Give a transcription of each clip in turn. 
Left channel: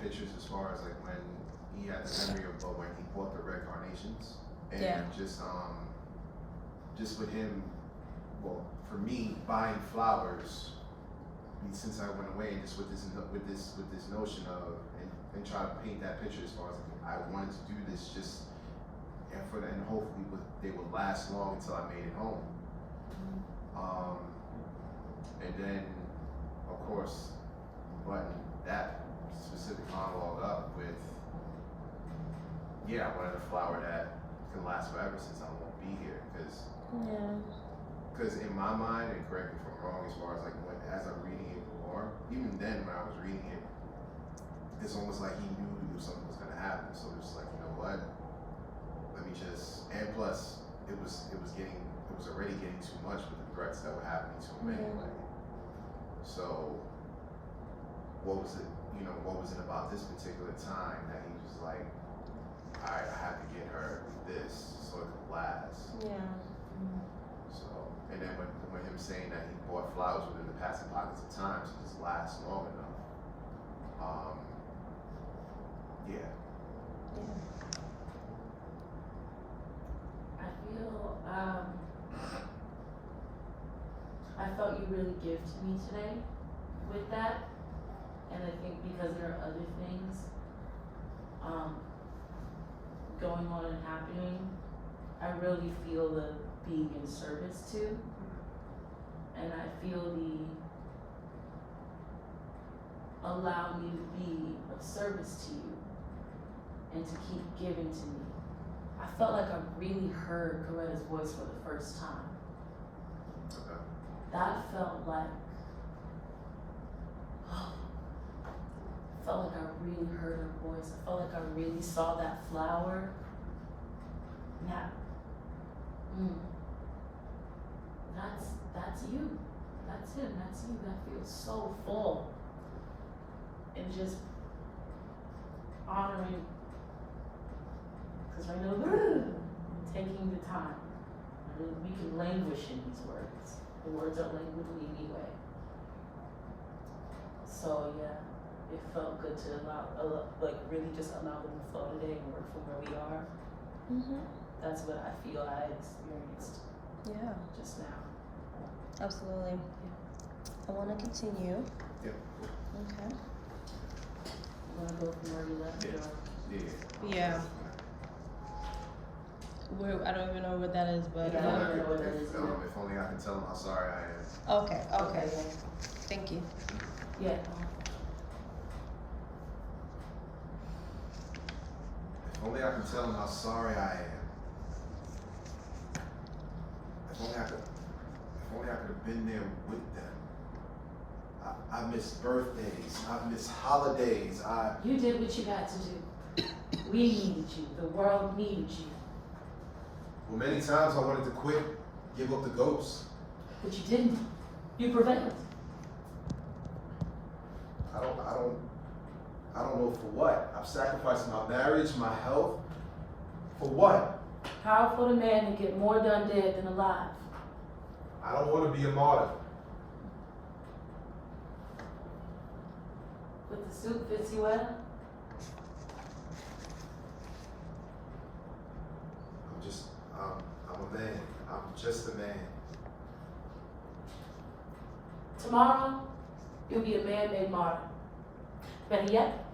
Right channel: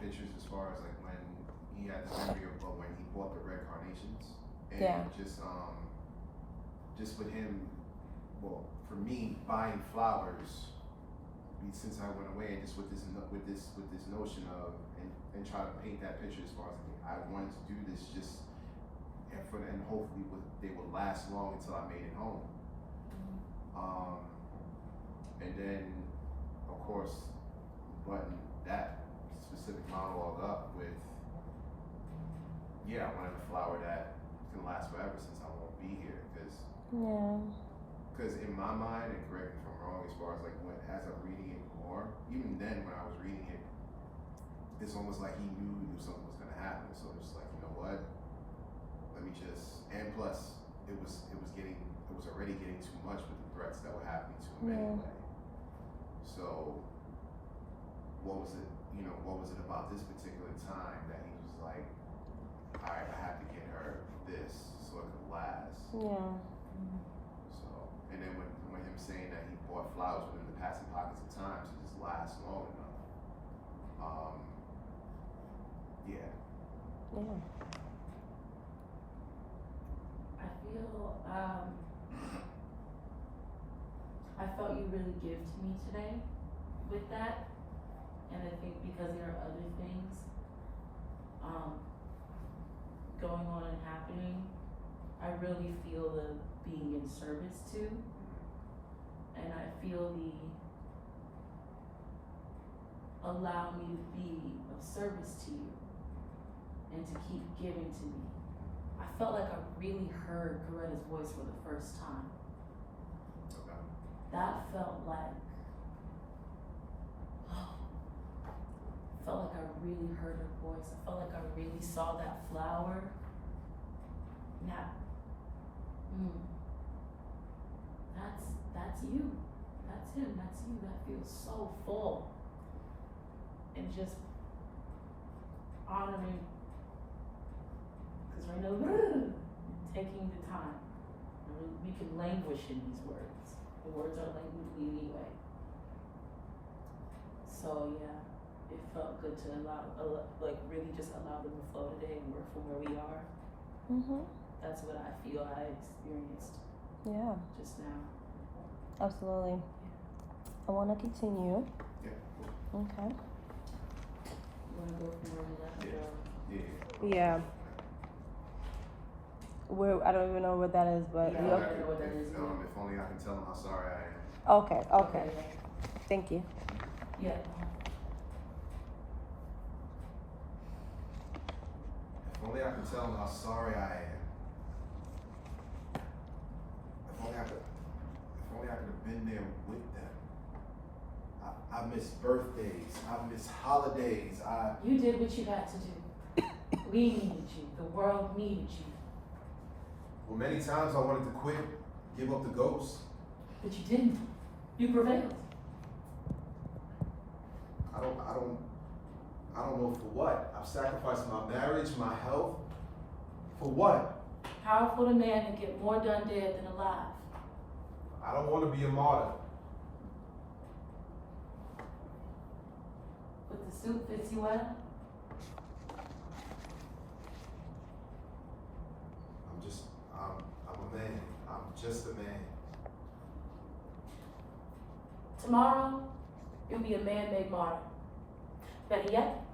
pictures as far as like when he had the memory of when he bought the red carnations, and Yeah. just with him, well, for me buying flowers, I mean, since I went away, and just with this notion of and try to paint that picture as far as like, I wanted to do this just and hopefully they would last long until I made it home. And then of course button that specific monologue up with, yeah, I wanted a flower that can last forever since I won't be here, because in my mind, and correct me if I'm wrong, as far as like as I'm reading it more, even then when I was reading it, it's almost like he knew something was gonna happen. So it's like, you know what? Let me just, and plus it was already getting too much with the threats that were happening to him anyway. So what was it about this particular time that he was like, all right, I have to get her this so it could last. Yeah. So, and then when him saying that he bought flowers within the passing pockets of time to just last long enough. Yeah. I feel, I felt you really give to me today with that, and I think because there are other things, going on and happening, I really feel the being in service too, and I feel the allow me to be of service to you and to keep giving to me. I felt like I really heard Coretta's voice for the first time. Okay. That felt like, I felt like I really heard her voice. I felt like I really saw that flower. Now, that's you. That's him. That's you. That feels so full. And just honoring, because right now, taking the time. We can languish in these words. The words are languidly anyway. So yeah, it felt good to really just allow them to flow today and work from where we are. That's what I feel I experienced. Yeah. Just now. Absolutely. Yeah. I want to continue. Yeah. Okay. You want to go from where we left? Yeah. Yeah. Where I don't even know what that is, but Yeah. If I don't know what that is. if only I can tell him how sorry I am. Okay. Yeah. Thank you. Yeah. If only I can tell him how sorry I am. If only I could have been there with them. I missed birthdays. I missed holidays. You did what you had to do. We needed you. The world needed you. Well, many times I wanted to quit, give up the ghost. But you didn't. You prevailed. I don't know for what. I've sacrificed my marriage, my health. For what? How for the man to get more done dead than alive? I don't want to be a martyr. But the suit fits you well? I'm a man. I'm just a man. Tomorrow, you'll be a man-made martyr. Better yet,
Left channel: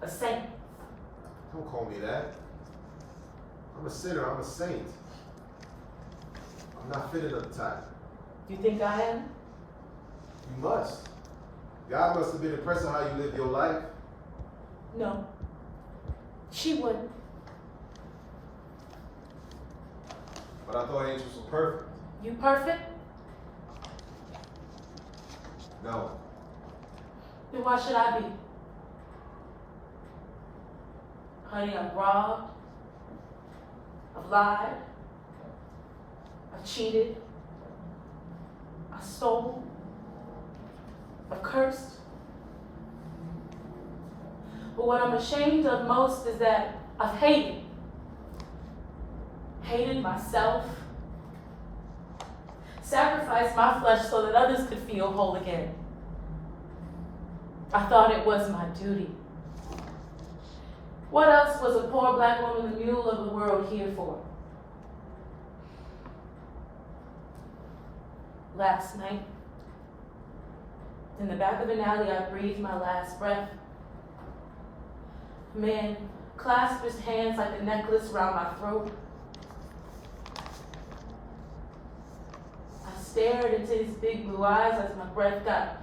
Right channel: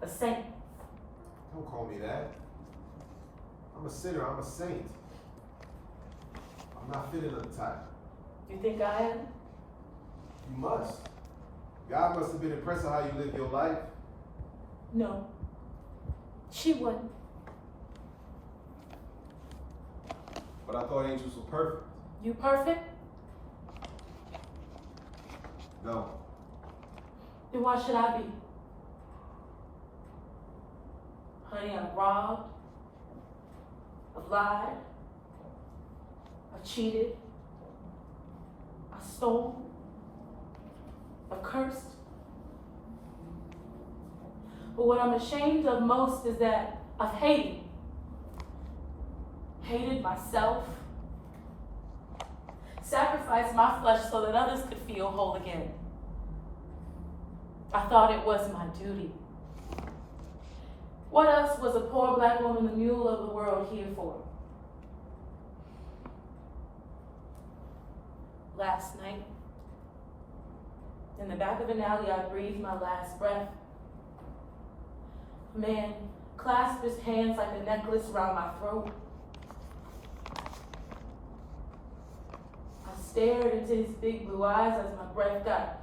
a saint. Don't call me that. I'm a sinner. I'm a saint. I'm not fitted of the type. You think I am? You must. God must have been impressed on how you live your life. No. She wouldn't. But I thought angels were perfect. You perfect? No. Then why should I be? Honey, I've robbed. I've lied. I've cheated. I stole. I've cursed. But what I'm ashamed of most is that I've hated. Hated myself. Sacrificed my flesh so that others could feel whole again. I thought it was my duty. What else was a poor black woman, the mule of the world, here for? Last night, in the back of an alley, I breathed my last breath. A man clasped his hands like a necklace around my throat. I stared into his big blue eyes as my breath got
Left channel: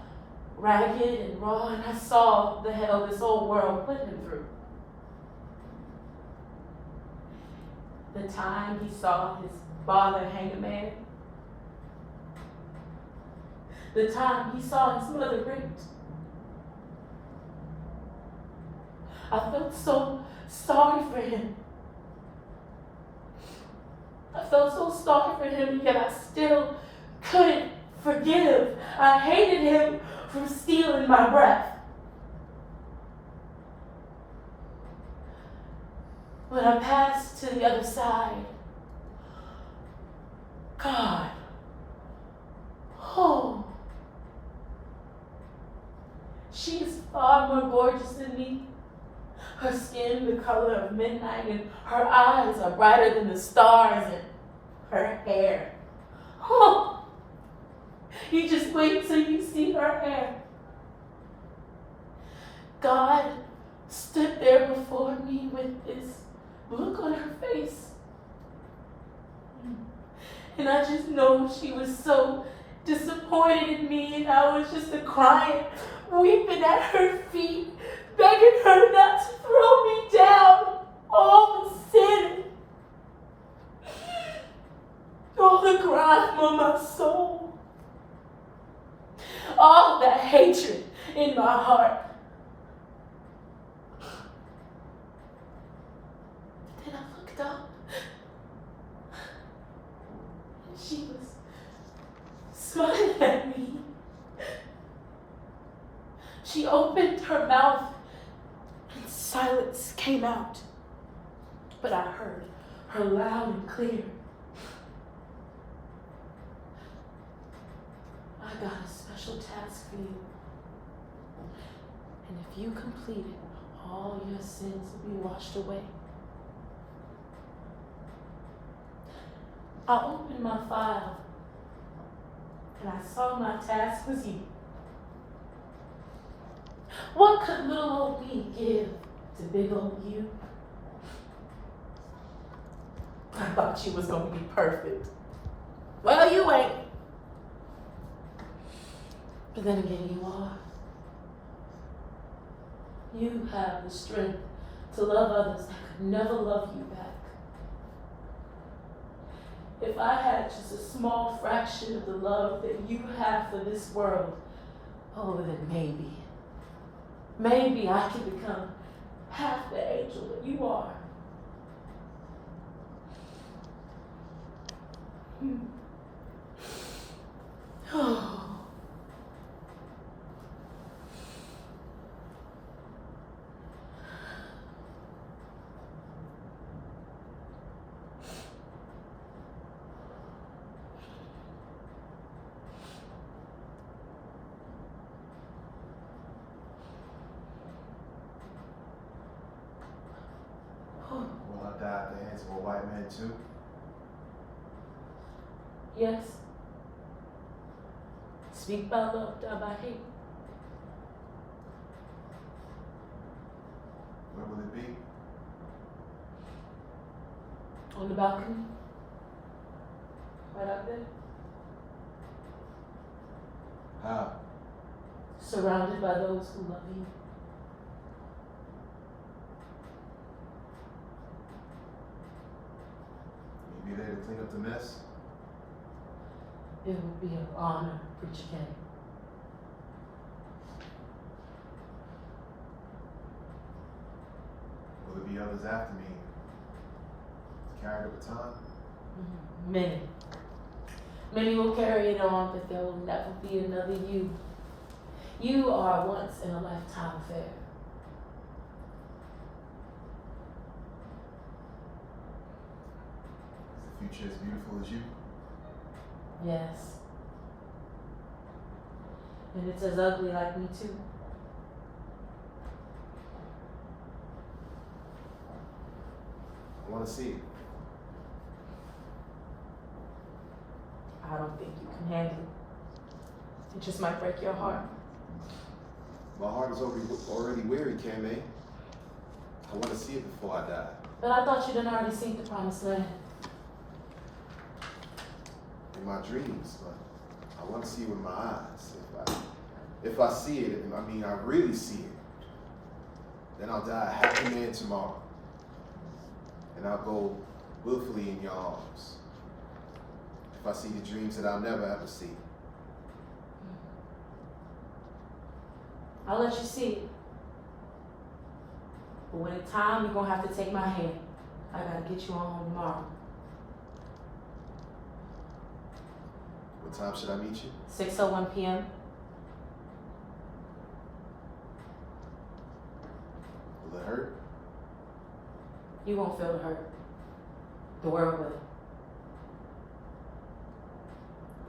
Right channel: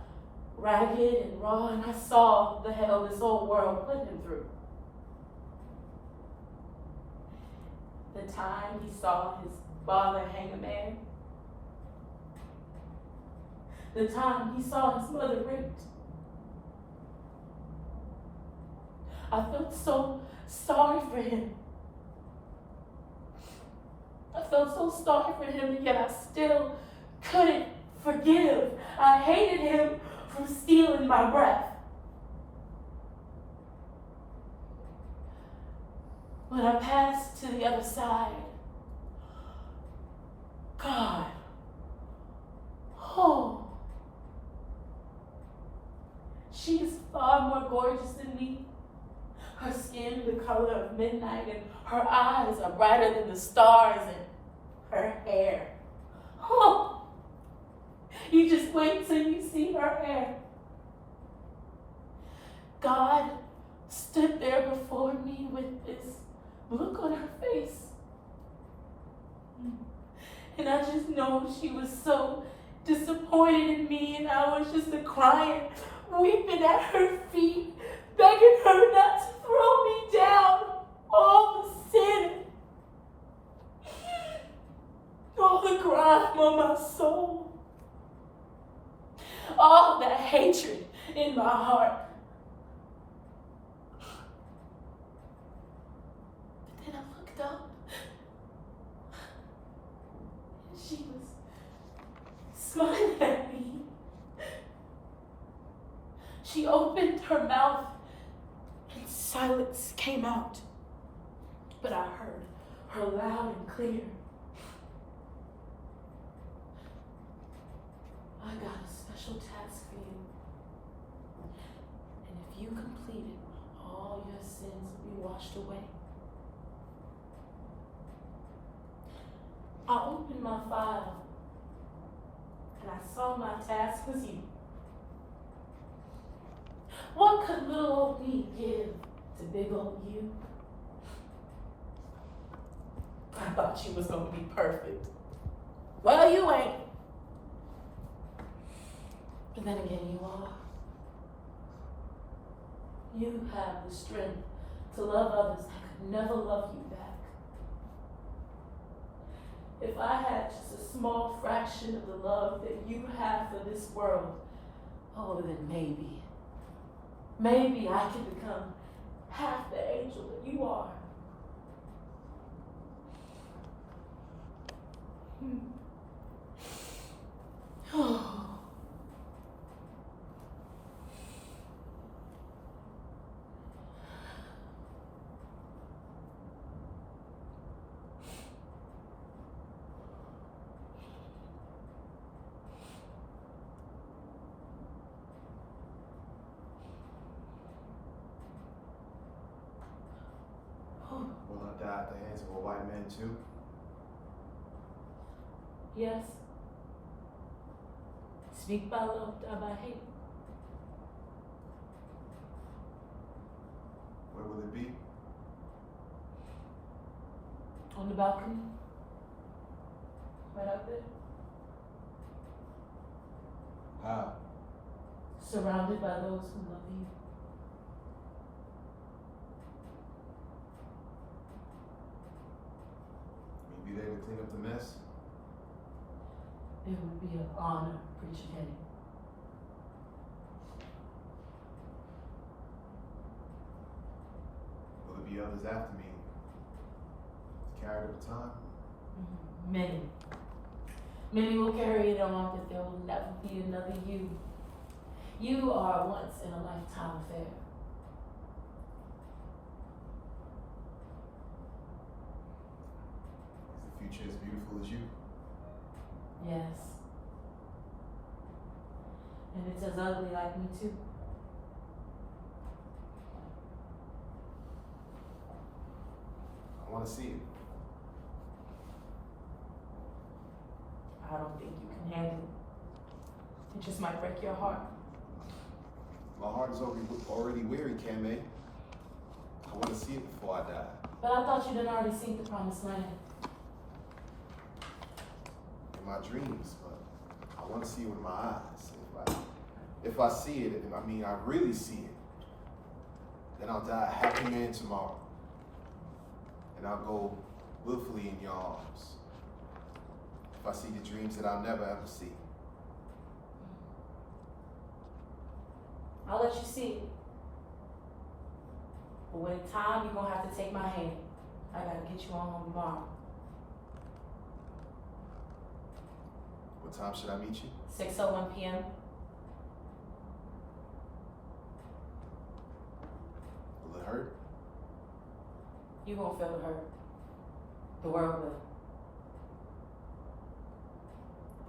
ragged and raw, and I saw the hell this whole world put him through. The time he saw his father hang a man. The time he saw his mother raped. I felt so sorry for him. I felt so sorry for him, and yet I still couldn't forgive. I hated him for stealing my breath. When I passed to the other side, God, oh, she is far more gorgeous than me. Her skin the color of midnight, and her eyes are brighter than the stars, and her hair. Oh, you just wait till you see her hair. God stood there before me with this look on her face. And I just know she was so disappointed in me, and I was just crying, weeping at her feet, begging her not to throw me down. All the sin, all the crime on my soul, all that hatred in my heart. But then I looked up, and she was smiling at me. She opened her mouth, and silence came out. But I heard her loud and clear. I got a special task for you. And if you complete it, all your sins will be washed away. I opened my file, and I saw my task was you. What could little old me give to big old you? I thought you was gonna be perfect. Well, you ain't. But then again, you are. You have the strength to love others that could never love you back. If I had just a small fraction of the love that you have for this world, oh, then maybe I could become half the angel that you are. Oh. Will I die at the hands of a white man too? Yes. Speak by love, die by hate. Where will it be? On the balcony. Right out there. How? Surrounded by those who love you. Will you be there to clean up the mess? It would be an honor, Preacher Kenny. Will there be others after me to carry the baton? Many. Many will carry it on, but there will never be another you. You are a once in a lifetime affair. Is the future as beautiful as you? Yes. And it's as ugly like me too. want to see it. I don't think you can handle it. It just might break your heart. My heart is already weary, Kame. I want to see it before I die. But I thought you done already seen the promised land. In my dreams, but I want to see it with my eyes. If I see it, and I mean I really see it, then I'll die a happy man tomorrow. And I'll go willfully in your arms. If I see the dreams that I'll never ever see. I'll let you see it. But when it's time, you're gonna have to take my hand. I gotta get you on home tomorrow. What time should I meet you? 6:01 p.m. Will it hurt? You won't feel the hurt. The world will.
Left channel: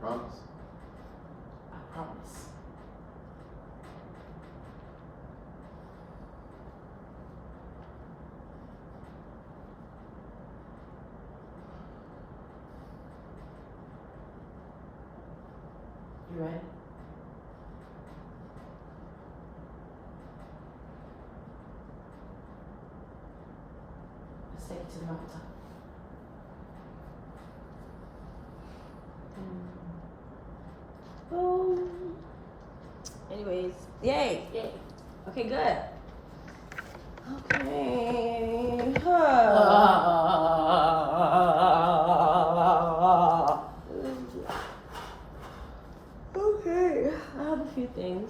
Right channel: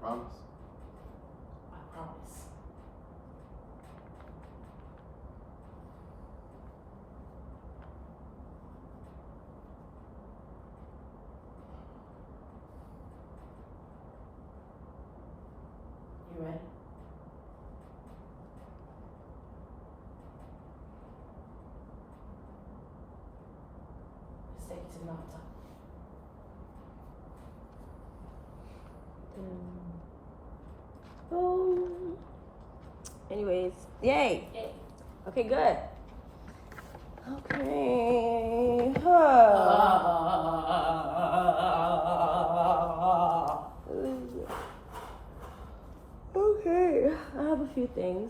Promise? I promise. You ready? Let's take it to the mountaintop. Boom. Anyways, yay. Yay. Okay, good. Okay. Okay, I have a few things.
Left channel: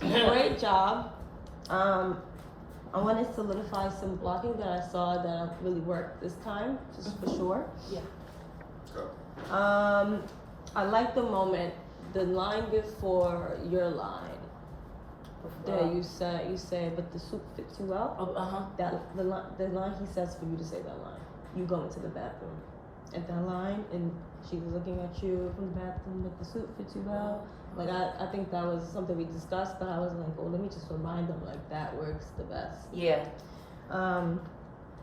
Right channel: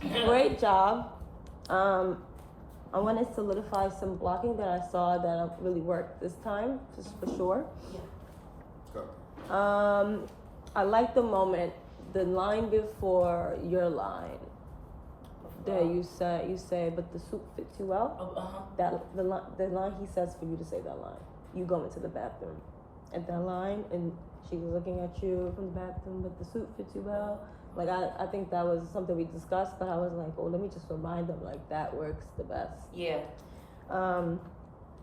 Great job. I want to solidify some blocking that I saw that really worked this time, just for sure. Yeah. Go. I like the moment, the line before your line. Yeah, you say, but the suit fits you well. Oh, That the line he says for you to say that line. You go into the bathroom, at that line, and she was looking at you from the bathroom, but the suit fits you well. Like I think that was something we discussed, but I was like, oh, let me just remind them like that works the best. Yeah.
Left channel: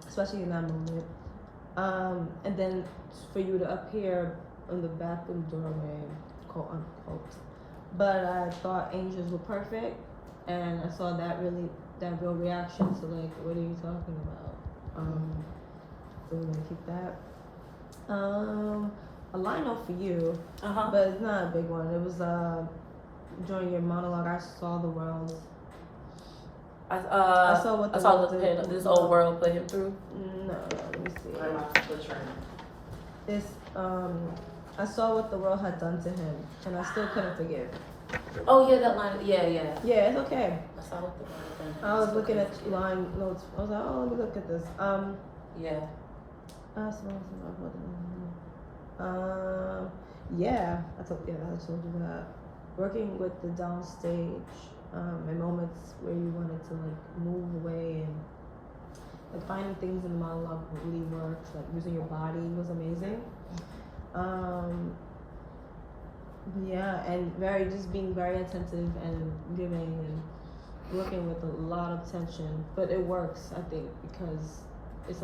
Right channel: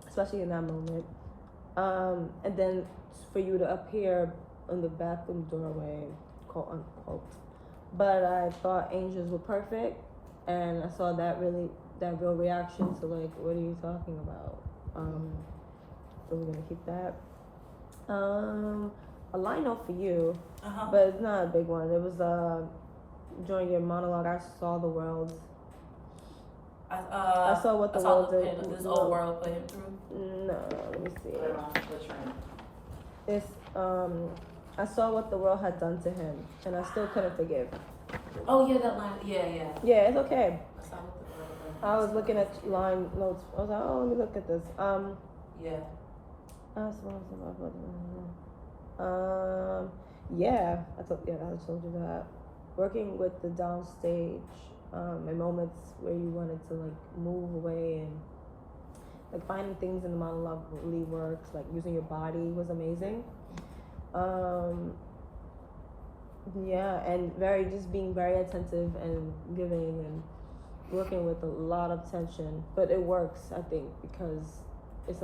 Especially in that moment. And then for you to appear in the bathroom doorway, quote unquote. But I thought angels were perfect, and I saw that real reaction to like, what are you talking about? So we're gonna keep that. A line note for you, but it's not a big one. It was during your monologue. I saw the world. I saw what the I saw world did. this old world put him through. No, let me see. It's I saw what the world had done to him, and I still couldn't forgive. Oh yeah, that line. Yeah. Yeah, it's okay. I saw what the world done. I was looking at line notes. I was like, oh, let me look at this. Yeah. Yeah, I told you that. Working with the downstage, in moments where you wanted to like move away and like finding things in the monologue really works. Like using your body was amazing. Yeah, and being very attentive and giving and working with a lot of tension, but it works, I think, because this is a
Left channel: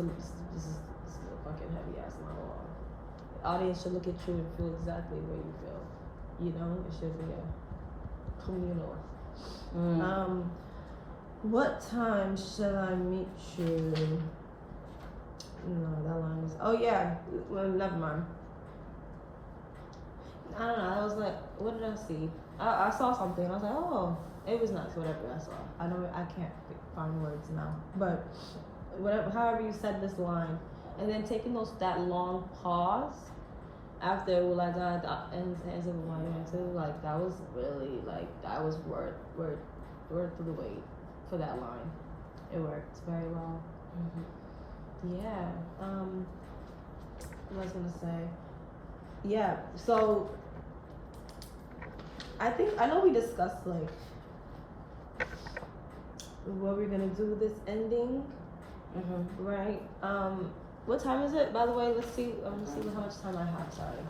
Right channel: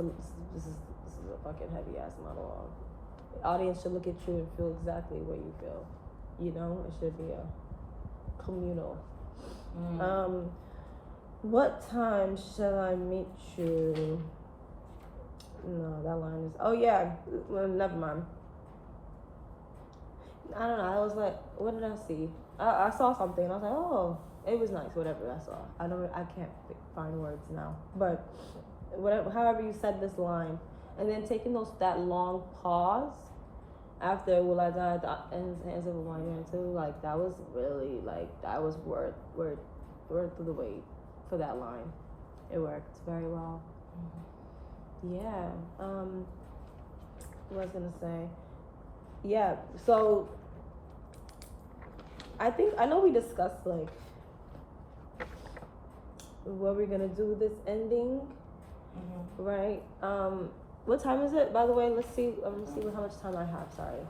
fucking heavy ass monologue. The audience should look at you and feel exactly what you feel. You know, it should be a communal. What time should I meet you? No, that line was. Oh yeah, well, never mind. I don't know. I was like, what did I see? I saw something. I was like, oh, it was nuts. Whatever I saw. I can't find words now. But whatever, however you said this line, and then taking that long pause after will I die and answer the 1 and 2, like that was really that was worth the wait for that line. It worked very well. Yeah. What was I gonna say? Yeah. So I know we discussed like what we're gonna do with this ending, right? What time is it, by the way? Let's see how much time I have. Sorry.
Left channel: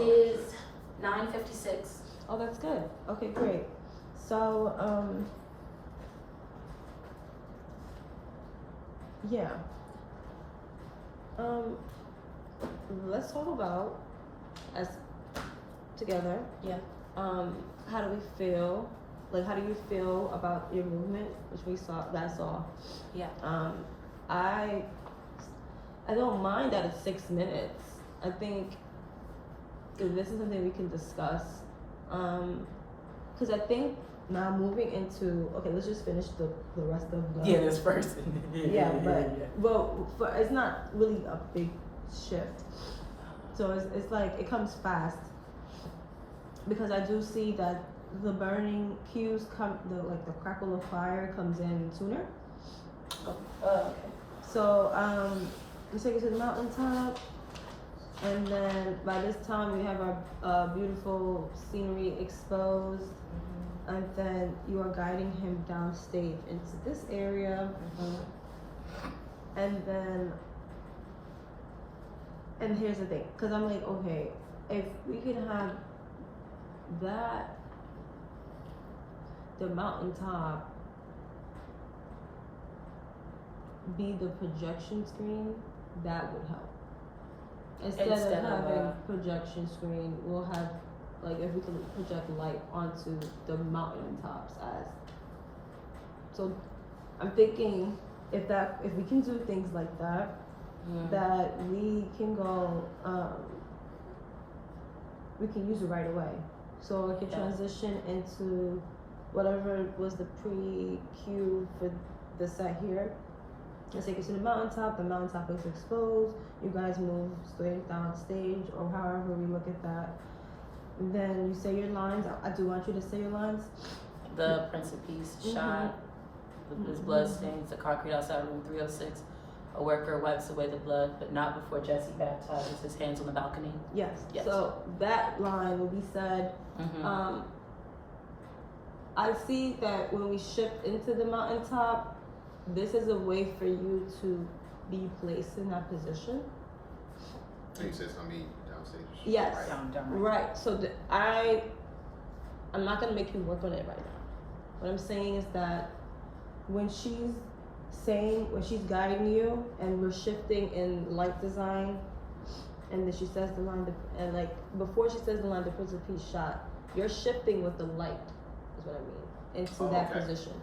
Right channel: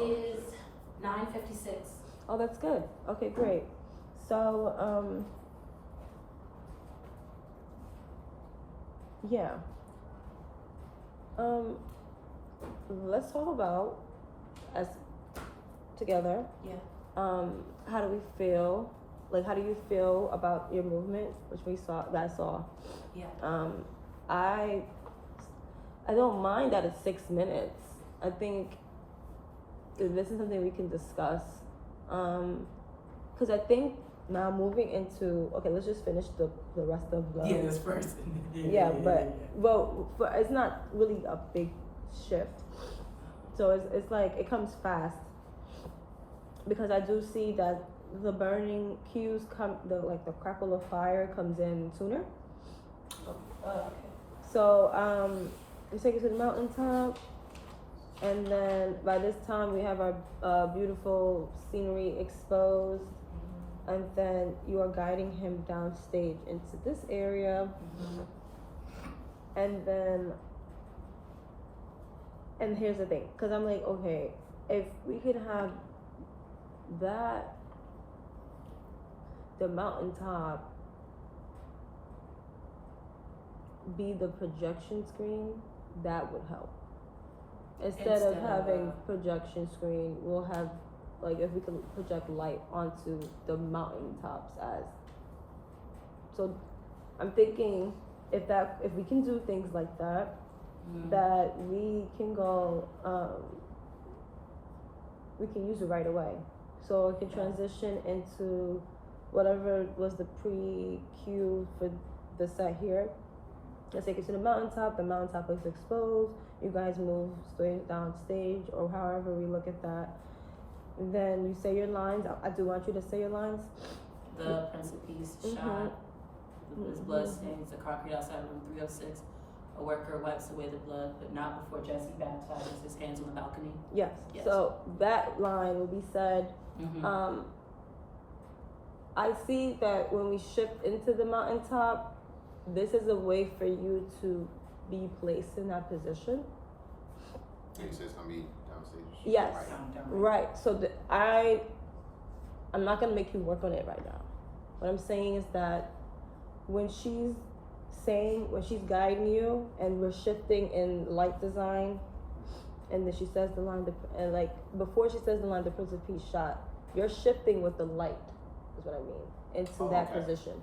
It is 9:56. Oh, that's good. Okay, great. So Yeah. Um, let's talk about us together. Yeah. How do we feel? Like, how do you feel about your movement, which we saw, that I saw? Yeah. I don't mind that it's 6 minutes. I think this is something we can discuss. Because I think now moving into, okay, let's just finish the rest of the. Yeah, this first. Yeah, but well, it's not really a big shift. So it's like it comes fast because I do see that the burning cues come, the crackle of fire comes in sooner. Okay. So let's take it to the mountaintop, and then by this time we have our beautiful scenery exposed, and then you are guiding him downstage into this area, and then. And here's the thing, because I'm like, okay, if we could have that, the mountaintop be the projection screen, that would help. Instead of having projection screen, we'll have, like, if we can project light onto the mountaintops as. So I'm thinking if we can do things like that, that we can go, we can use it right away. So we can transition into whatever was the pre-cue for the set here. Let's take it to the mountaintop is exposed, you guys move straight down stage, or however we look at that. And then you say your lines. I do want you to say your lines. The Prince of Peace shot, his blood stains the concrete outside room 306. A worker wipes away the blood, but not before Jesse baptizes his hands on the balcony. Yes. So that line will be said. I see that when we shift into the mountaintop, this is a way for you to be placed in that position. So you said it's gonna be downstage. Yes. Down. Right. So I'm not gonna make you work on it right now. What I'm saying is that when she's guiding you and we're shifting in light design, and then she says the line, and like before she says the line, the Prince of Peace shot, you're shifting with the light, is what I mean, into that position.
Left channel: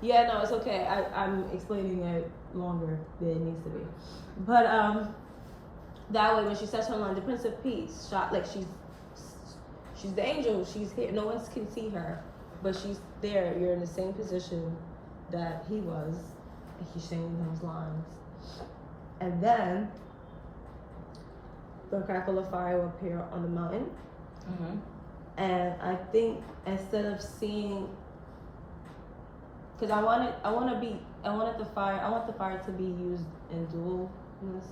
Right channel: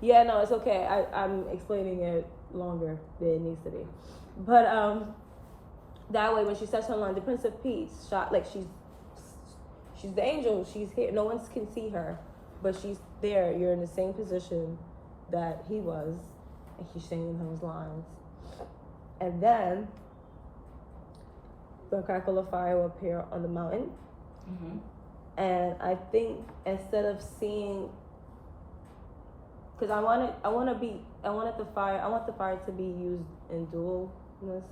Yeah, no, it's okay. I'm explaining it longer than it needs to be. But that way when she says her line, the Prince of Peace shot, like she's the angel, she's here, no one can see her, but she's there, you're in the same position that he was, and he's saying those lines. And then the crackle of fire will appear on the mountain. And I think instead of seeing, because I want the fire to be used in dualness.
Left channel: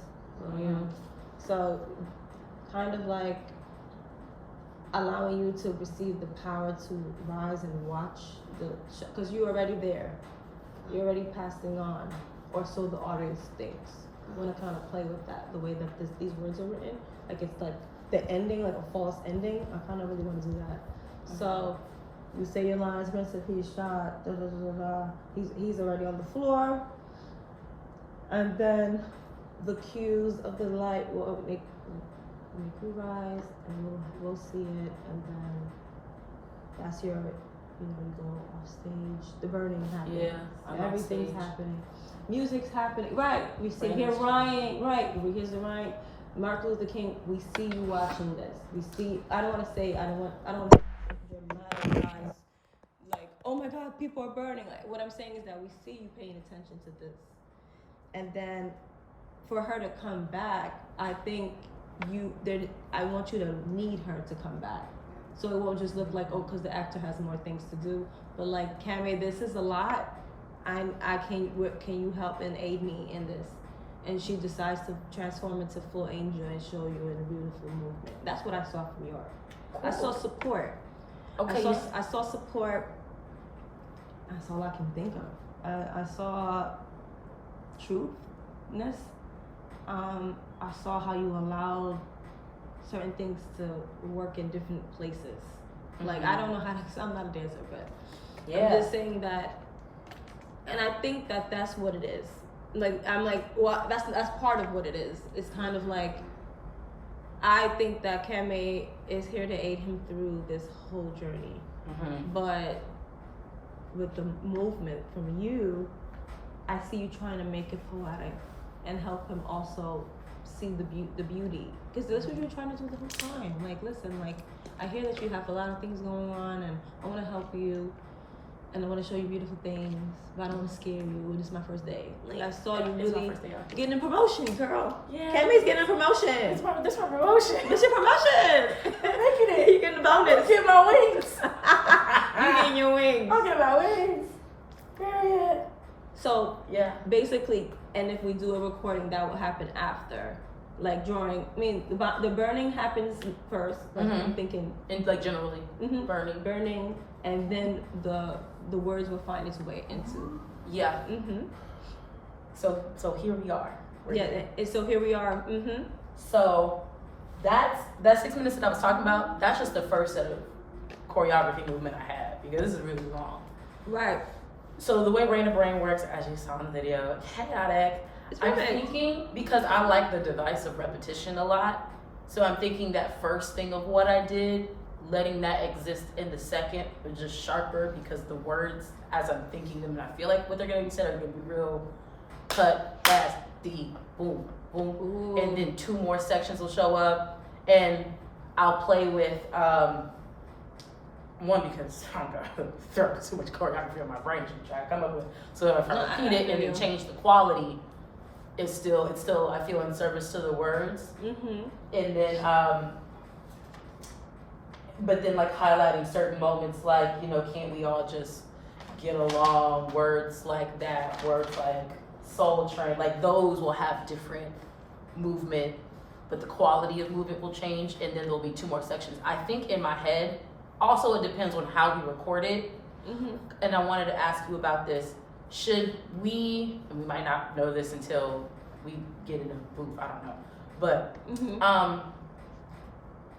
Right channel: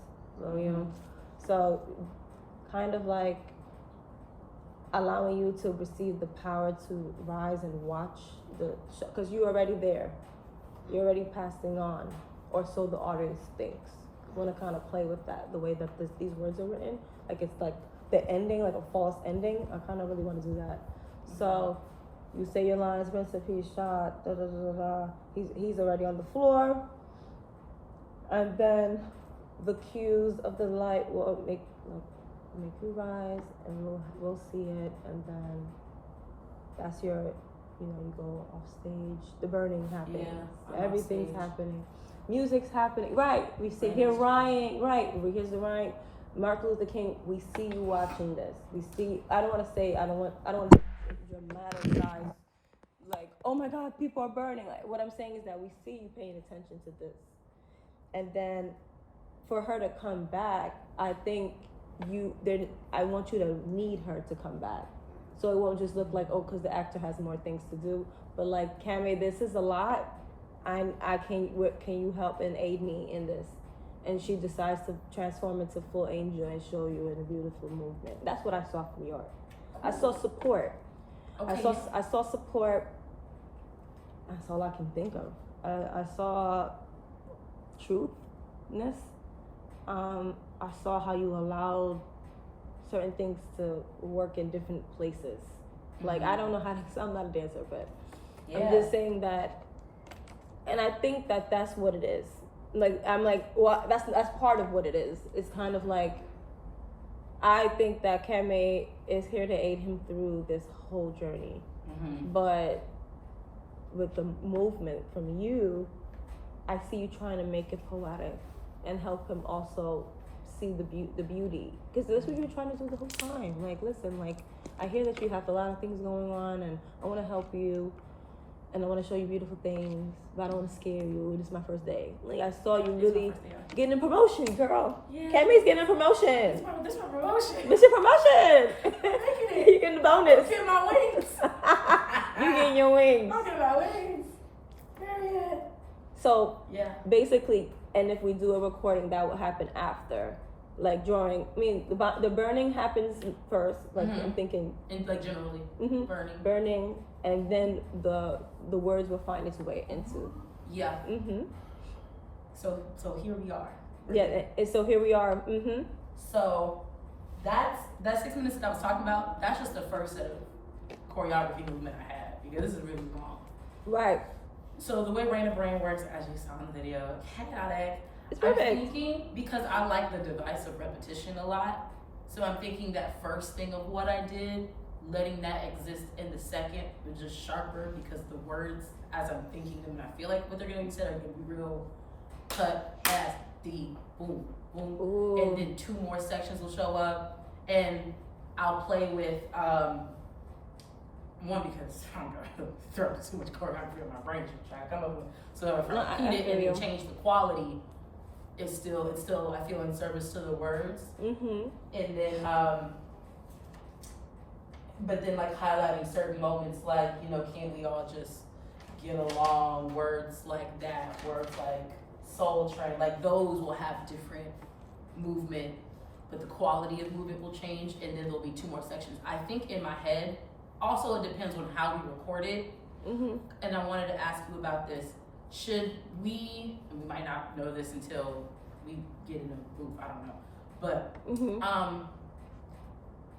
So kind of like allowing you to receive the power to rise and watch because you're already there. You're already passing on, or so the audience thinks. You want to kind of play with that, the way that these words are written. Like it's like the ending, like a false ending. I kind of really want to do that. So you say your lines, Prince of Peace shot, da da da da. He's already on the floor, and then the cues of the light will make you rise, and we'll see it, and then that's your, you go off stage. The burning happens. Yeah, everything's happening. Music's happening. Right. We see here Ryan. Right. Here's the Ryan. Martin Luther King. We see you watching this. We see. I don't want to dramatize. Like, oh my God, people are burning. Like, what I'm saying is that we see you paying attention to this, and then for her to come back, I think I want you to need her to come back. So it won't just look like, oh, because the actor has more things to do. But like, Cammy, this is a lot. Can you help and aid me in this? And she decides to transform into full angel and show you in a beautiful movement. That's what I saw from York. I saw support. Okay. I saw support. That's all I can think of. I saw truthness. I saw how you allowed certain things to work in different places. Like, I don't know how to, I'm not a dancer, but I'm just saying that, and I think that that's what it is. like I'm like, well, that's part of what it is. It's kind of like, I think that Keme is here to aid him through this whole journey, but with the movement from you, I see you trying to make it poetic and help him also see the beauty, because that's what you're trying to do the whole time. Like, listen, like, I hear that you have a lot of things going on, and I want to help you, and I want to show you beautiful things, but I don't want to scare you. This is my first day. Like, I saw you really getting a promotion, girl. Yeah. Keme's getting a promotion. This my promotion. This your promotion. I'm making it. You getting the bonus. I'm getting my wings. You getting your wings. I'm getting my wings. Period. So Yeah. basically, and if we do a recording, that will happen after, like during. I mean, the burning happens first. Like I'm thinking, And like generally burning, and then the words will find its way into. Yeah. So here we are. We're here. And so here we are. So that 6 minutes that I was talking about, that's just the first set of choreography movement I had, because this is really long. Right. So the way Raina Brain works, as you saw in the video, chaotic. I'm thinking, because I like the device of repetition a lot, so I'm thinking that first thing of what I did, letting that exist in the second, but just sharper, because the words, as I'm thinking them and I feel like what they're gonna be said are gonna be real cut, fast, deep, boom, boom. Ooh. And then 2 more sections will show up, and I'll play with one, because I'm gonna throw too much choreography on my brain to try to come up with. So if I repeat it and then change the quality, it's still I feel in service to the words. And then but then like highlighting certain moments, like, you know, can't we all just get along? Words like that, words like Soul Train, like those will have different movement, but the quality of movement will change, and then there'll be 2 more sections. I think in my head, also it depends on how we record it, and I wanted to ask you about this. Should we, and we might not know this until we get in a booth, I don't know, but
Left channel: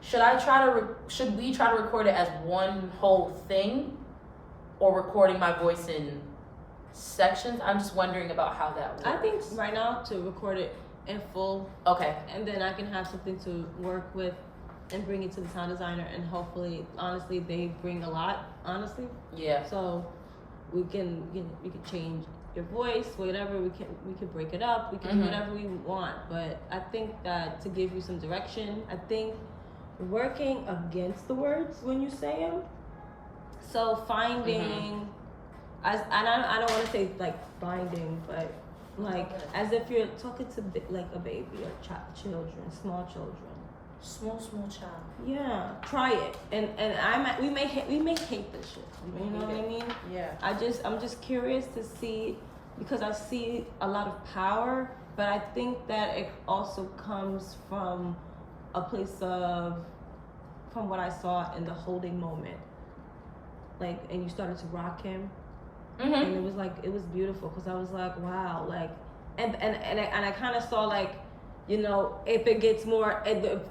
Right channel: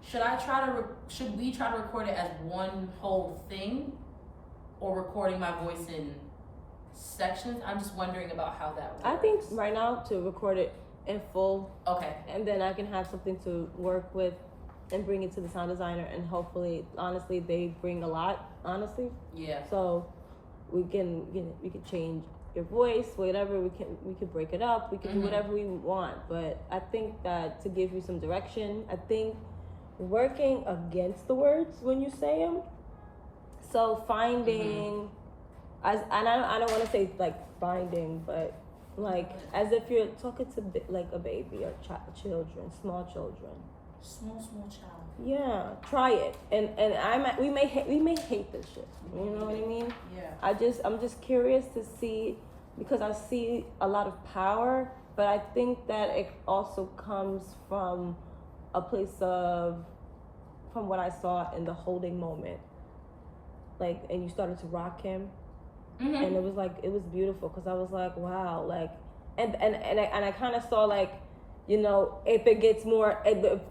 should we try to record it as one whole thing, or recording my voice in sections? I'm just wondering about how that works. I think right now to record it in full. Okay. And then I can have something to work with and bring it to the sound designer, and hopefully, honestly, they bring a lot, honestly. Yeah. So we can change your voice, whatever, we can break it up, we can do whatever we want. But I think that to give you some direction, I think working against the words when you say them. So finding, I don't want to say like finding, but like as if you're talking to like a baby or children, small children. Small child. Yeah, try it, and we may hate this shit. You know what I mean? Yeah. I'm just curious to see, because I see a lot of power, but I think that it also comes from a place of, from what I saw in the holding moment, like, and you started to rock him, and it was beautiful, because I was like, wow, like, and I kind of saw, like, you know, if it gets more,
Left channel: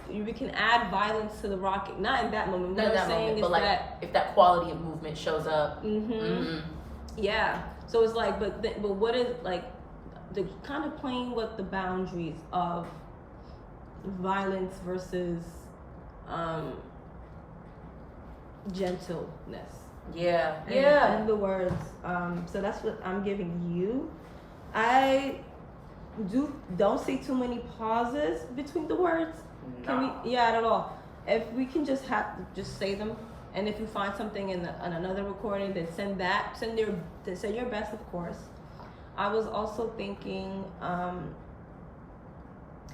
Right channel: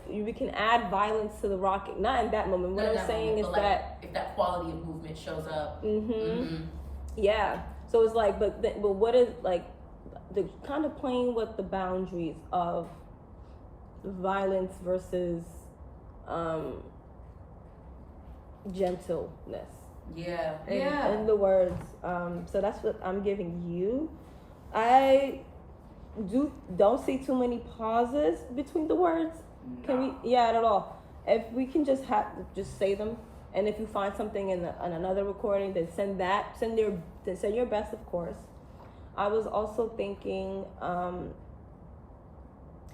we can add violence to the rocking. Not in that moment. What I'm saying is that if that quality of movement shows up. Yeah. So it's like, but what is, like, the kind of playing with the boundaries of violence versus gentleness. Yeah. In the words. So that's what I'm giving you. I don't see too many pauses between the words. Can we? Yeah, not at all. If we can just say them, and if you find something in another recording, then send your best, of course. I was also thinking,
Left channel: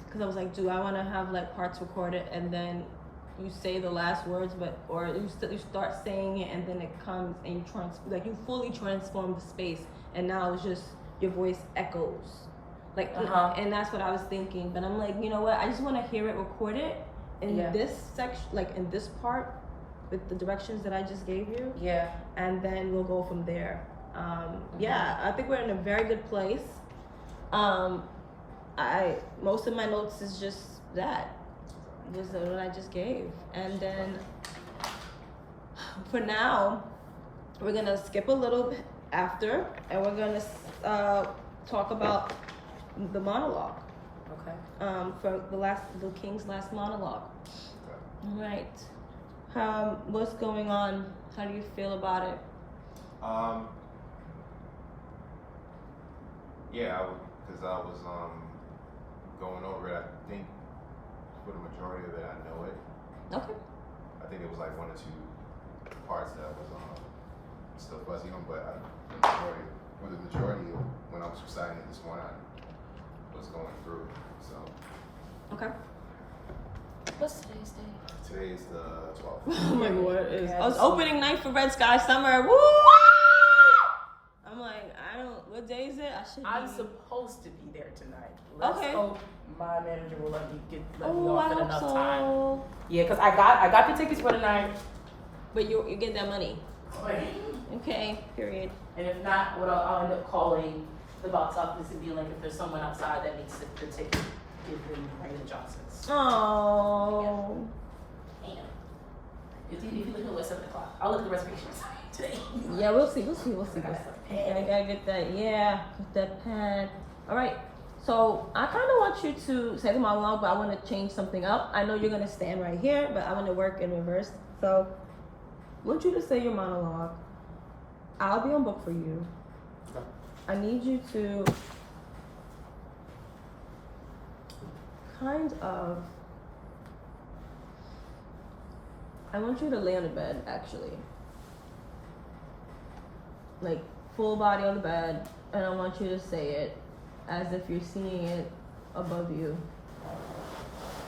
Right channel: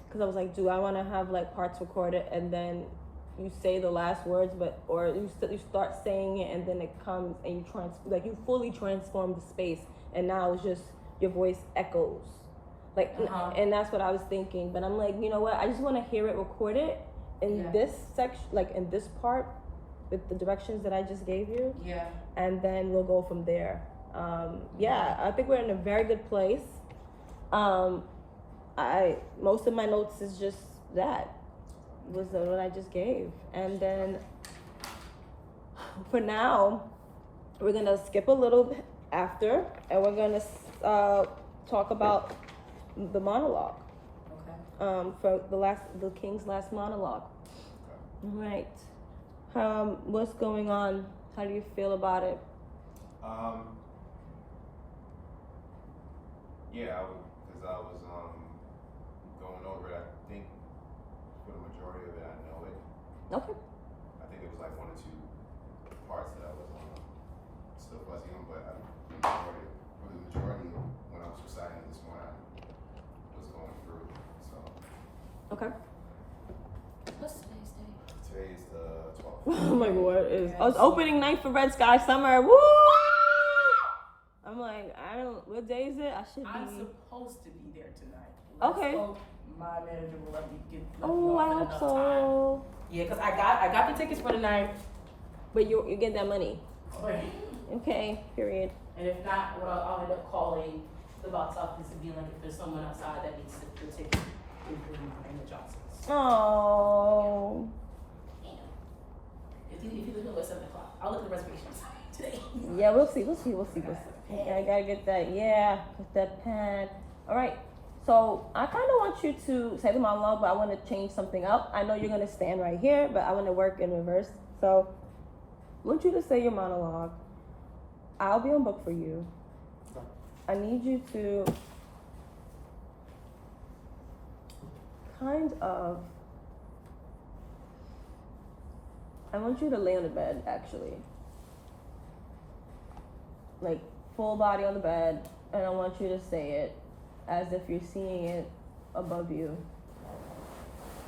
because I was like, do I want to have like parts recorded and then you say the last words, or you start saying it and then it comes and you fully transform the space, and now it's just your voice echoes. Like, and that's what I was thinking. But I'm like, you know what? I just want to hear it recorded in this section, like in this part, with the directions that I just gave you. Yeah. And then we'll go from there. Yeah, I think we're in a very good place. Most of my notes is just that. Was what I just gave. And then for now, we're gonna skip a little bit after, and we're gonna talk about the monologue. Okay. For the king's last monologue. Okay. Right. What's going on? How do you feel about it? Yeah, because I was going over it. I think for the majority of it, I know it. Okay. I think it was like 1 or 2 parts that I was still fuzzy on, but for the majority of when I was reciting it this morning, I was going through it. So Okay. What's today's date? today is the 12th. Oh my god, it's Yeah, so- opening night for Red Sky Summer. Woo! I'm like, what day is it? I should be. I'm supposed to be there tonight. Let's Okay. hope my manager will let me let me Oh, off I in hope enough so. time. Yeah, cause I got the tickets for tonight. But you get that money. Okay, period. And if not, what I'll end up calling the box office and be like, if there's someone outside that needs the ticket, give them Raymond Johnson's. Oh. If you look at it at 7 o'clock, I'll look at the reservations today. Yeah, we'll see. Okay, I gotta get that. Yeah, get that pen. All right. So I kind of want you to say the monologue, but I want to change something up. I know you're gonna stand right here, but I want to work in reverse. So I want you to say your monologue. I'll be on book for you. Okay. I need you to kind of. I want you to lay on the bed, actually. Like, full body on the bed, and I want you to say it as if you're seeing it above you.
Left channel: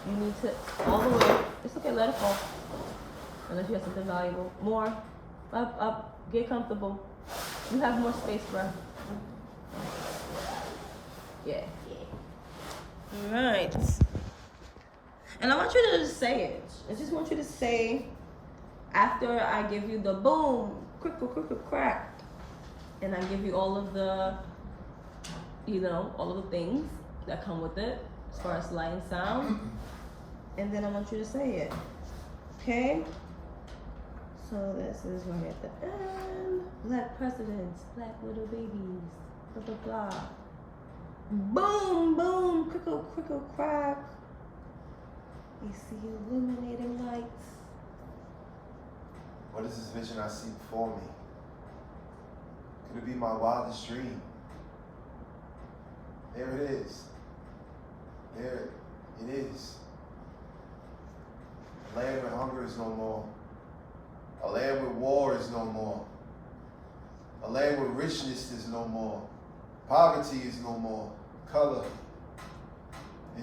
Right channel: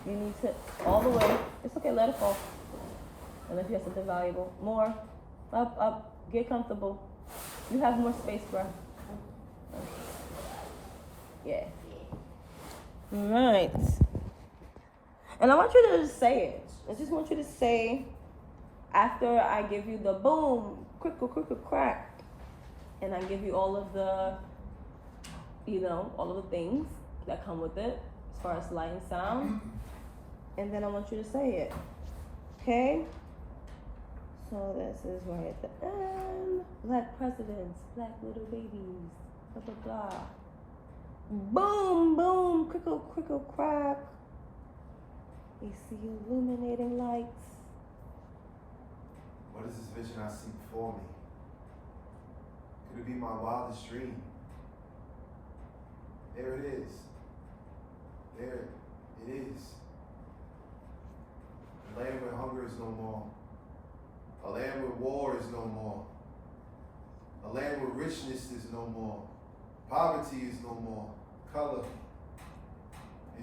You need to, all the way, it's okay, let it fall. Unless you have something valuable. More, up, get comfortable. You have more space, bro. Yeah. Alright. And I want you to just say it. I just want you to say, after I give you the boom, crickle, crack, and I give you all of the, all of the things that come with it, as far as light and sound, and then I want you to say it. Okay? So this is right at the end. Black presidents, black little babies, blah, blah, blah. Boom, boom, crickle, crack. We see illuminating lights. What is this vision I see before me? Could it be my wildest dream? There it is. There it is. A land where hunger is no more. A land where war is no more. A land where richness is no more. Poverty is no more. Color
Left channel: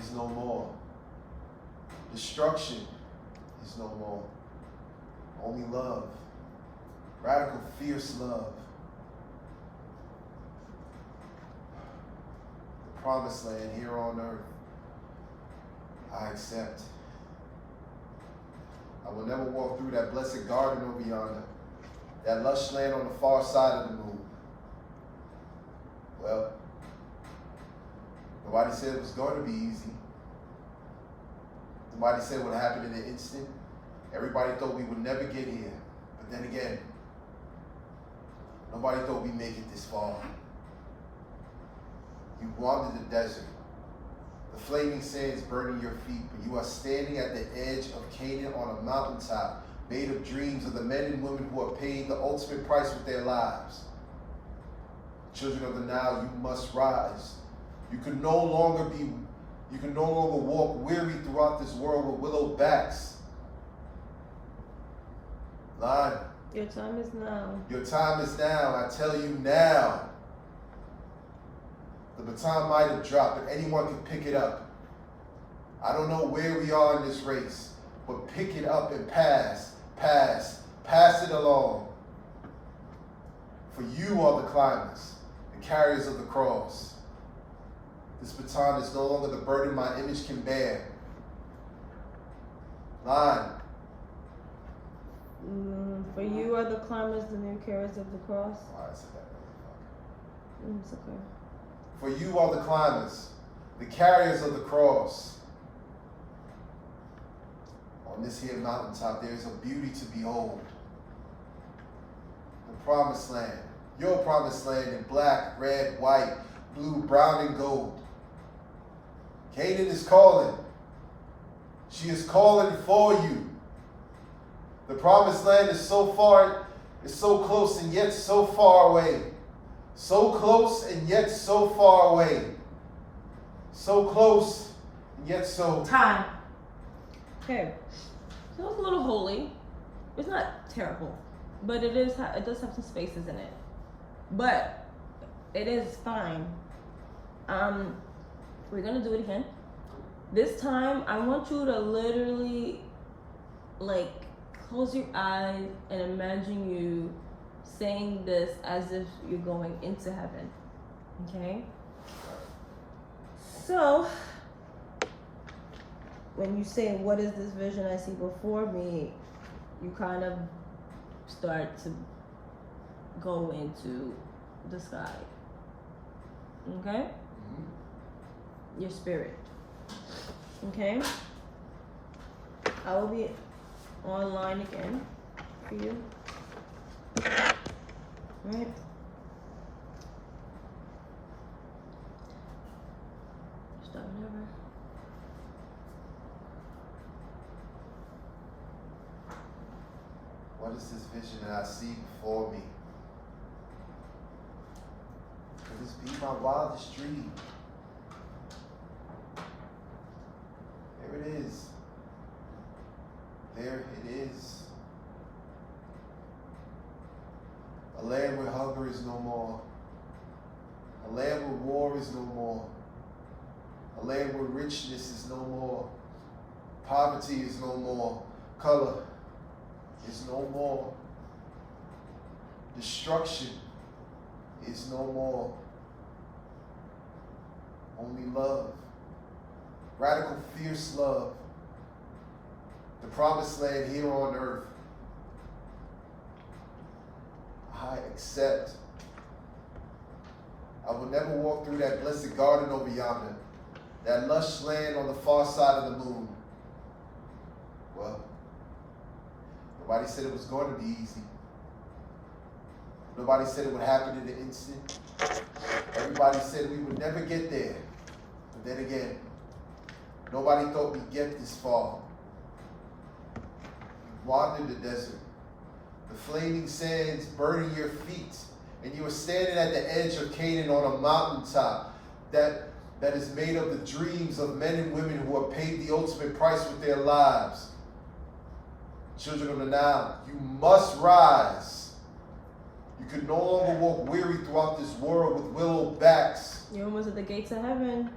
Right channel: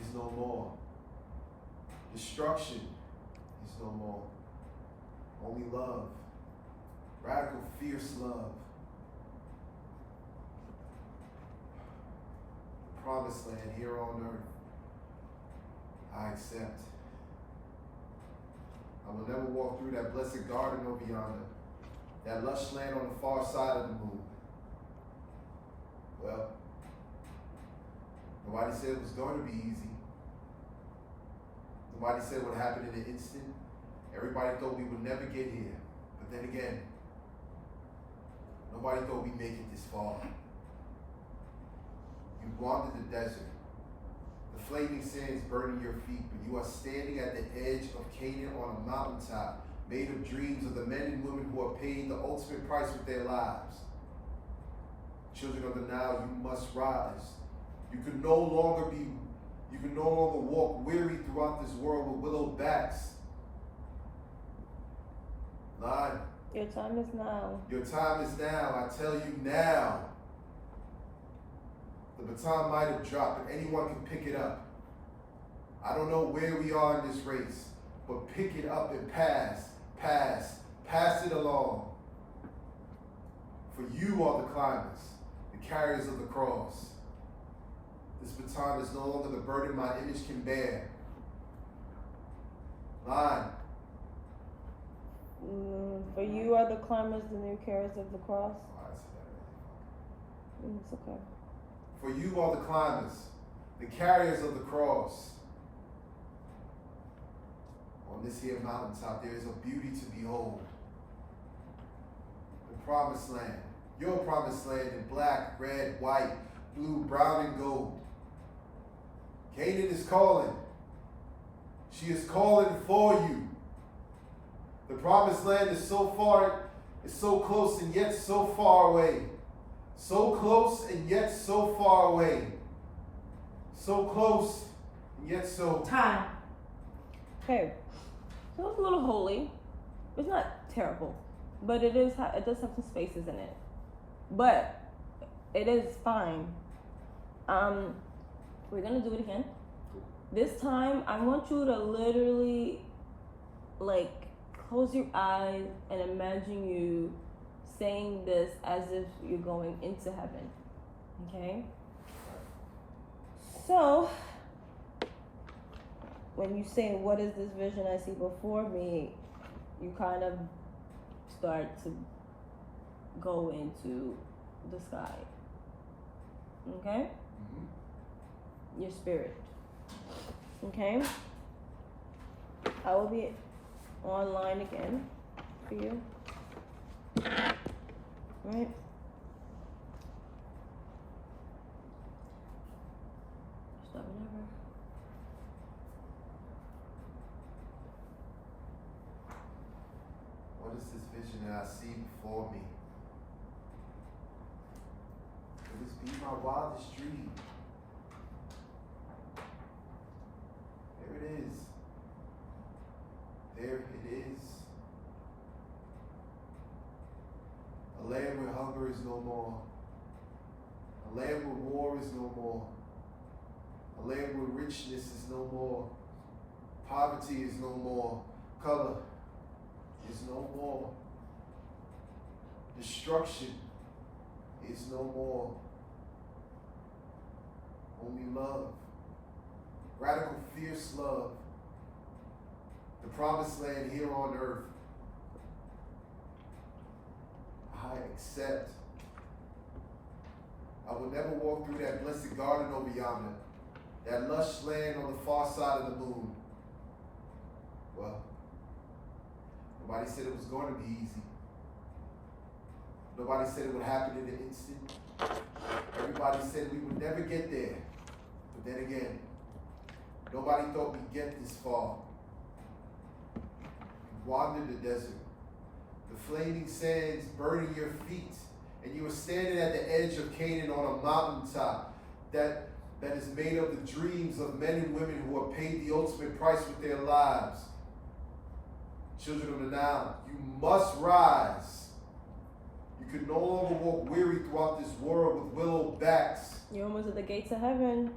is no more. Destruction is no more. Only love. Radical, fierce love. The promised land here on earth. I accept. I will never walk through that blessed garden over yonder. That lush land on the far side of the moon. Well, nobody said it was going to be easy. Nobody said what happened in an instant. Everybody thought we would never get here. But then again, nobody thought we'd make it this far. You wandered the desert. The flaming sands burning your feet, but you are standing at the edge of Canaan on a mountaintop, made of dreams of the men and women who are paying the ultimate price with their lives. Children of the Nile, you must rise. You can no longer walk weary throughout this world with willow backs. Line. Your time is now. Your time is now. I tell you now. The baton might have dropped, but anyone can pick it up. I don't know where we are in this race, but pick it up and pass it along. For you are the climbers, the carriers of the cross. This baton is no longer the burden my image can bear. Line. For you are the climbers, the new carriers of the cross. Oh, I said that really It's okay. For you are the climbers, the carriers of the cross. On this here mountaintop, there is a beauty to behold. The promised land, your promised land in black, red, white, blue, brown, and gold. Canaan is calling. She is calling for you. The promised land is so far, is so close and yet so far away. So close and yet so far away. So close and yet so. Time. Okay, so it's a little holy. It's not terrible, but it does have some spaces in it. But it is fine. We're gonna do it again. This time, I want you to literally, like, close your eyes and imagine you saying this as if you're going into heaven. Okay? So, when you say, what is this vision I see before me, you kind of start to go into the sky. Okay? Mm-hmm. Your spirit. Okay? I will be online again for you. Right? Start whenever. What is this vision that I see before me? Could this be my wildest dream? There it is. There it is. A land where hunger is no more. A land where war is no more. A land where richness is no more. Poverty is no more. Color is no more. Destruction is no more. Only love. Radical, fierce love. The promised land here on earth. I accept. I will never walk through that blessed garden over yonder, that lush land on the far side of the moon. Well, nobody said it was going to be easy. Nobody said it would happen in an instant. Everybody said we would never get there. But then again, nobody thought we'd get this far. We wandered the desert, the flaming sands burning your feet, and you were standing at the edge of Canaan on a mountaintop that is made of the dreams of men and women who have paid the ultimate price with their lives. Children of the Nile, you must rise. You can no longer walk weary throughout this world with willow backs. You're almost at the gates of heaven.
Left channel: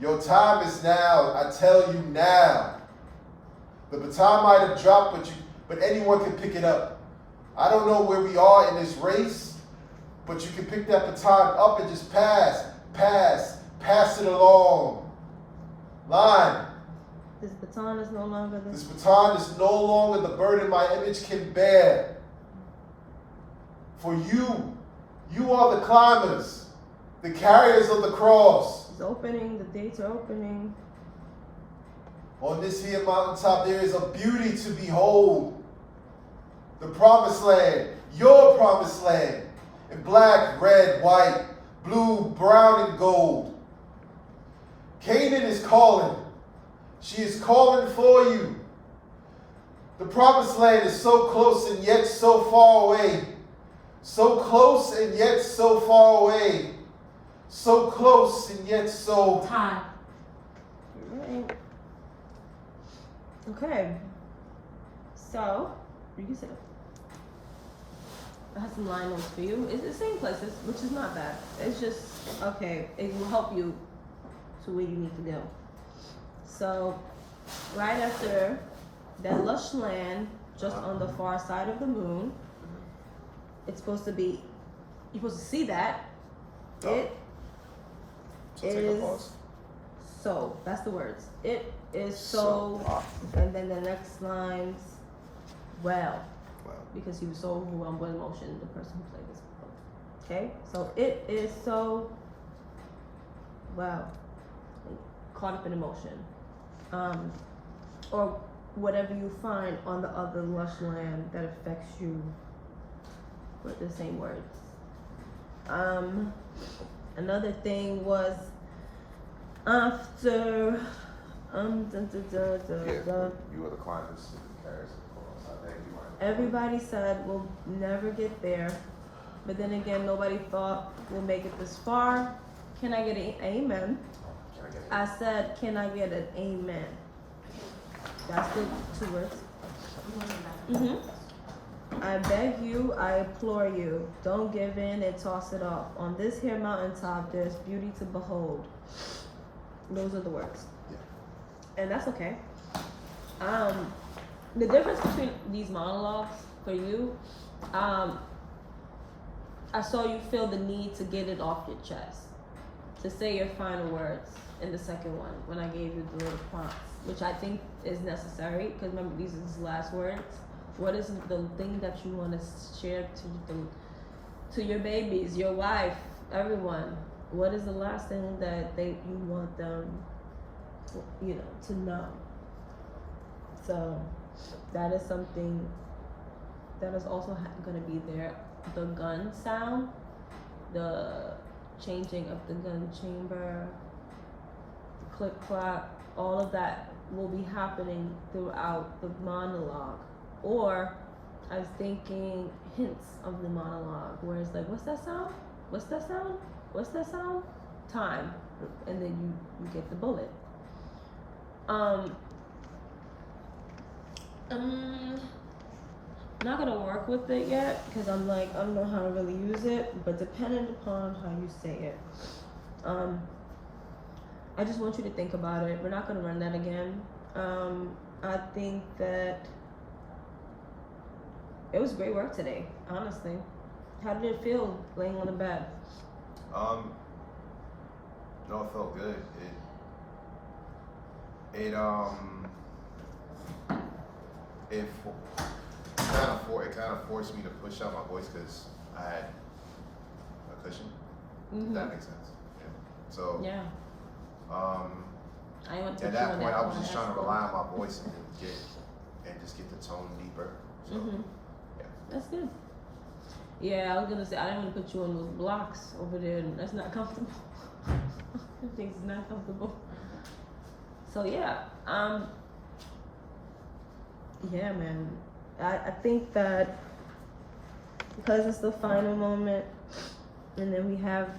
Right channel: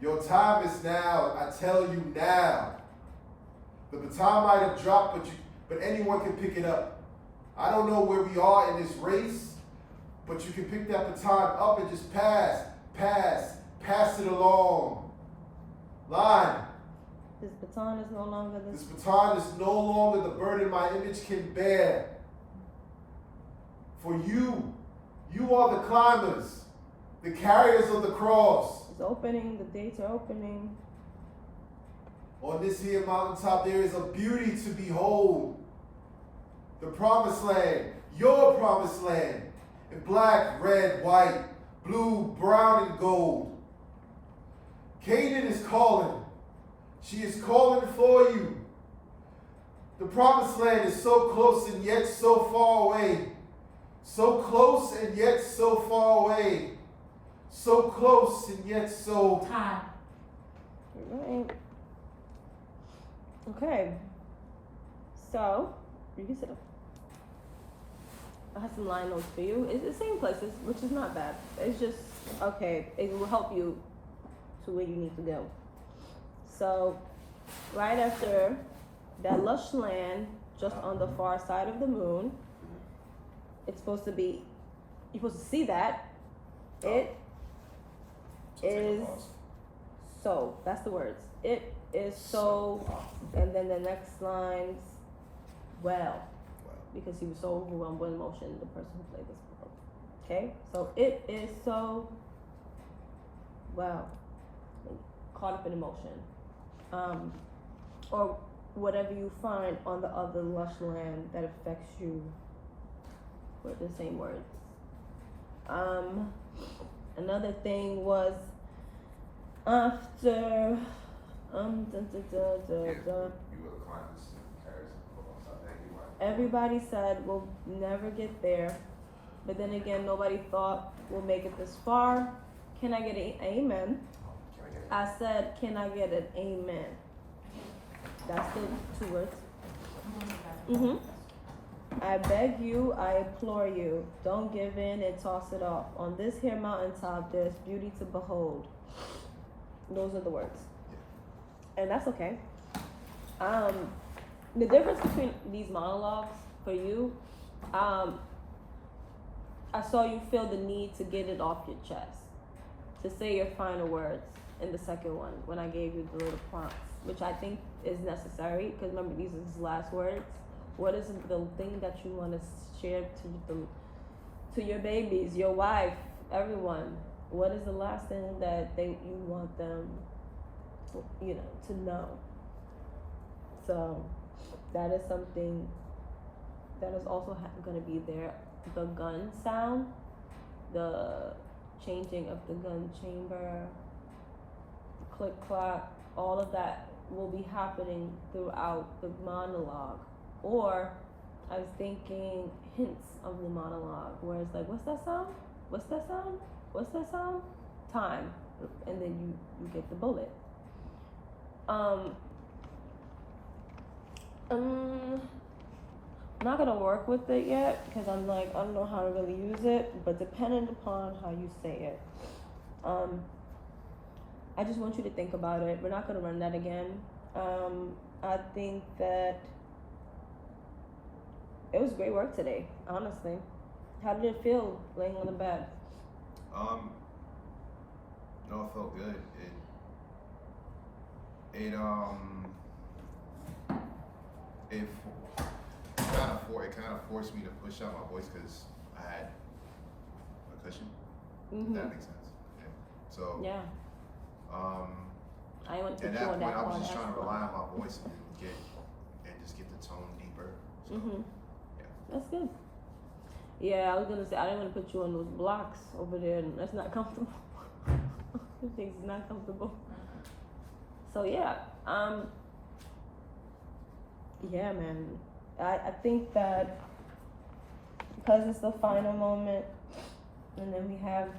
Your time is now. I tell you now. The baton might have dropped, but anyone can pick it up. I don't know where we are in this race, but you can pick that baton up and just pass it along. Line. This baton is no longer This baton is no longer the burden my image can bear. For you are the climbers, the carriers of the cross. It's opening, the gates are opening. On this here mountaintop, there is a beauty to behold. The promised land, your promised land, in black, red, white, blue, brown, and gold. Canaan is calling. She is calling for you. The promised land is so close and yet so far away. So close and yet so far away. So close and yet so... Time. Right. Okay. So, you can sit up. I have some line notes for you. It's the same places, which is not bad. It's just, okay, it will help you to where you need to go. So, right after that lush land, just on the far side of the moon, it's supposed to be, you're supposed to see that. It is so, that's the words. It is so, and then the next lines, well, because he was so overwhelmed with emotion, the person who played this book. Okay, so it is so, well, caught up in emotion, or whatever you find on the other lush land that affects you with the same words. Another thing was After dun, dun, dun, dun, Yeah, dun. you were the climates and carrots and go outside there. You weren't. Everybody said we'll never get there, but then again, nobody thought we'll make it this far. Can I get an amen? Can I get it? I said, can I get an amen? That's the 2 words. I beg you, I implore you, don't give in and toss it off. On this here mountaintop, there's beauty to behold. Those are the words. Yeah. And that's okay. The difference between these monologues for you, I saw you feel the need to get it off your chest, to say your final words in the second one when I gave you the little prompts, which I think is necessary because remember these are his last words. What is the thing that you want to share to your babies, your wife, everyone? What is the last thing that you want them, to know? So that is something that is also going to be there. The gun sound, the changing of the gun chamber, the click clack, all of that will be happening throughout the monologue. Or I was thinking hints of the monologue where it's like, what's that sound? What's that sound? What's that sound? Time. And then you get the bullet. Not gonna work with it yet because I'm like, I don't know how to really use it, but depending upon how you say it. I just want you to think about it. We're not gonna run that again. I think that it was great work today, honestly. How did it feel laying on the bed? No, it felt good. It kind of forced me to push out my voice because I had a cushion. If that makes sense. Yeah. So Yeah. I want to at that point, I was just trying to rely on my voice and just get the tone deeper. So yeah, that's good. Yeah, I was gonna say I didn't want to put you on those blocks over there. That's not comfortable. Things is not comfortable. So yeah, yeah, man. I think that because it's the final moment, and then we have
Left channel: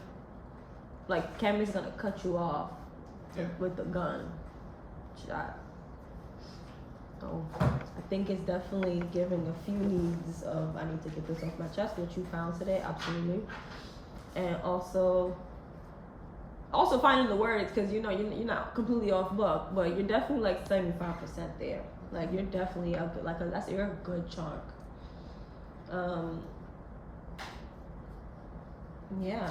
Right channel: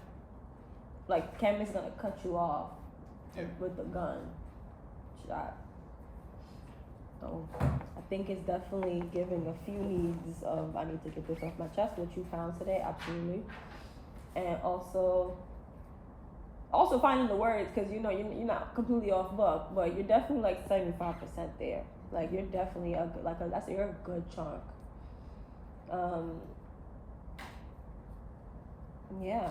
like Cammy's gonna cut you off with the gun shot. So I think it's definitely giving a few needs of I need to get this off my chest, which you found today, absolutely, and also finding the words because you're not completely off book, but you're definitely like 75% there. Like you're definitely you're a good chunk. Yeah.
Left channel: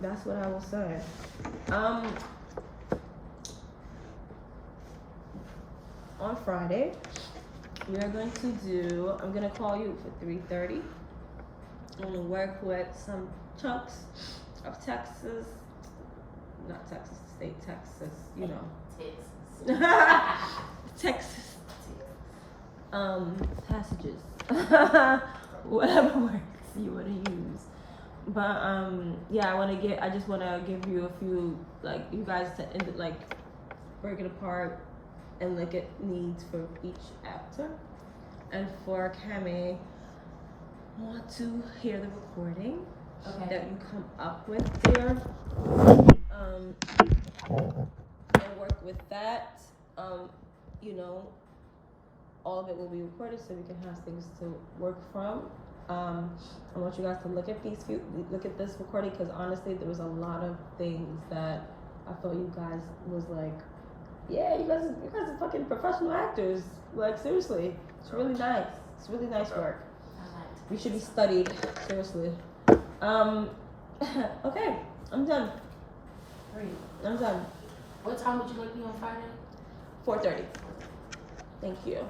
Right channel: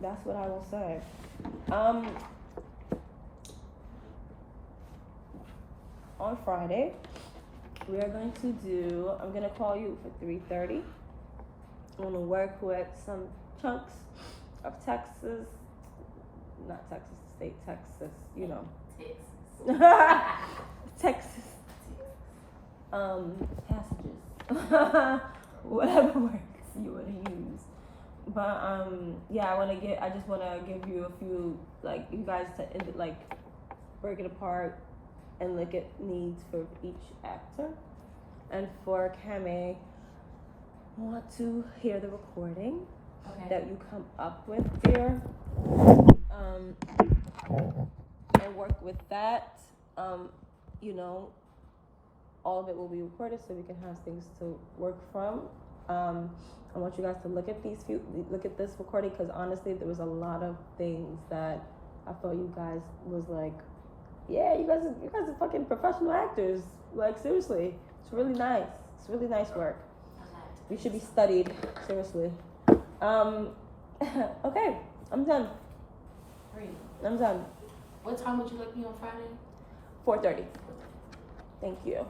That's what I will say. On Friday, we are going to do. I'm gonna call you for 3:30. I'm gonna work with some chunks of Texas, not Texas State, Texas. You know, Texas. Passages. Whatever words you want to use. But yeah, I just want to give you a few, like, you guys to break it apart and look at needs for each actor. And for Cammy, I want to hear the recording that you come up with there, and work with that. All of it will be recorded so we can have things to work from. I want you guys to look at this recording because honestly, there was a lot of things that I felt you guys was like, yeah, you guys are fucking professional actors. Like seriously, it's really nice. It's really nice work. You should be studied seriously. Okay, I'm done. Great. I'm done. What time would you like me on Friday? 4:30. Thank you.